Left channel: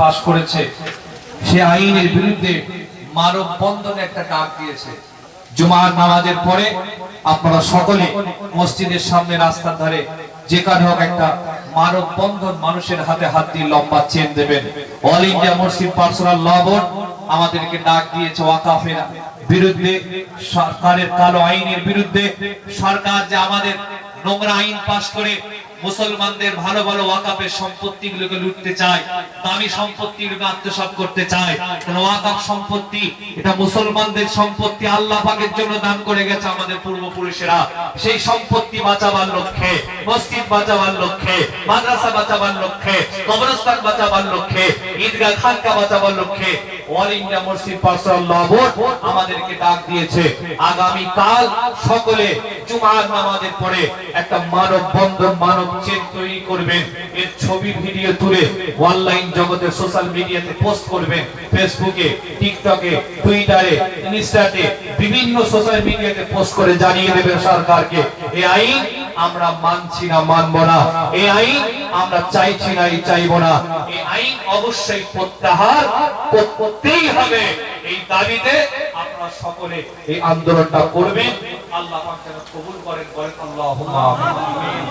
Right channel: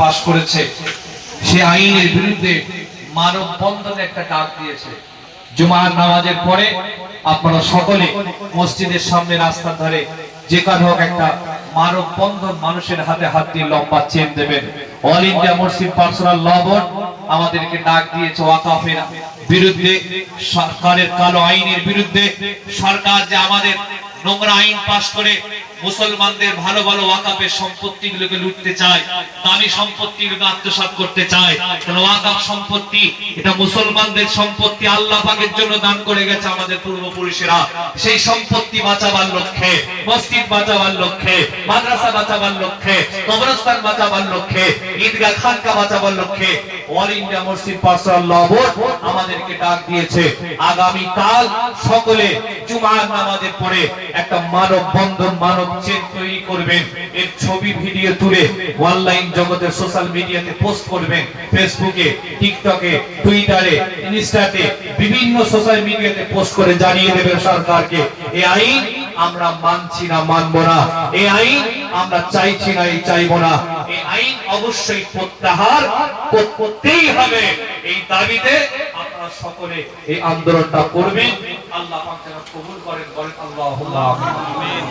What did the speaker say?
পাশ করেছে। সে আইনের বিরুদ্ধে মানব বন্ধনে একটা ডাক দিয়েছে। জুমার নামাজের পরে আপনারা সকলে মসজিদের সামনে রাস্তার ধারে যেখানে হোক একটা মানব বন্ধন মানুষের হাতে হাত দিয়ে লম্বা চেন দেবেন। All India Masjid personal law board আমাদেরকে ডাক দিয়েছে ওয়াকাফের বিরুদ্ধে, সরকারের কালো আইনের বিরুদ্ধে। সরকার যে আমাদের নোংরা আইন পাশ করে মুসলমানদের ভালো ভালো ওয়াকাফের সম্পত্তিগুলোকে লুটতে চায়, দামি সম্পত্তিগুলোকে আত্মসাৎ করতে চায়। কারণ ওয়াকাফ সম্পত্তি, এটা মুসলমানদের সম্পত্তি আল্লাহ পাকের জন্য দান করে গেছে আমাদের পূর্বপুরুষেরা। সেই সম্পত্তি বাঁচাবার লক্ষ্যে, মসজিদ বাঁচাবার লক্ষ্যে, মাদ্রাসা বাঁচাবার লক্ষ্যে, কবরস্থান বাঁচাবার লক্ষ্যে, ঈদগাহ খানকা বাঁচাবার লক্ষ্যে, অল ইন্ডিয়া মসজিদ পার্সোনাল আমাদেরকে ডাক দিয়েছে। আগামী কাল সকলে জুমার নামাজের পরে একটা মানব বন্ধন মানব চেন তৈরি করবেন এর ছবি, ভিডিও তুলে অনলাইন জগতে সোশ্যাল মিডিয়াতে পোস্ট করবেন ফেসবুকে টিকটকে টুইটারে ইনস্টাতে বিভিন্ন সোশ্যাল মিডিয়াতে পোস্ট করে জানিয়ে দেবেন সরকারকে। এই আইন আমরা মানছি না, মানবো না। এই আইন আমরা চাইছি না, এই চাইব না। এই আইন অবশ্যই প্রত্যাহার করতেই হবে। এই দাবিতে আপনারা সকলে এই আন্দোলনটা করবেন। আল্লাহ কবুল করেন, বলেন আল্লাহুম্মা আমিন।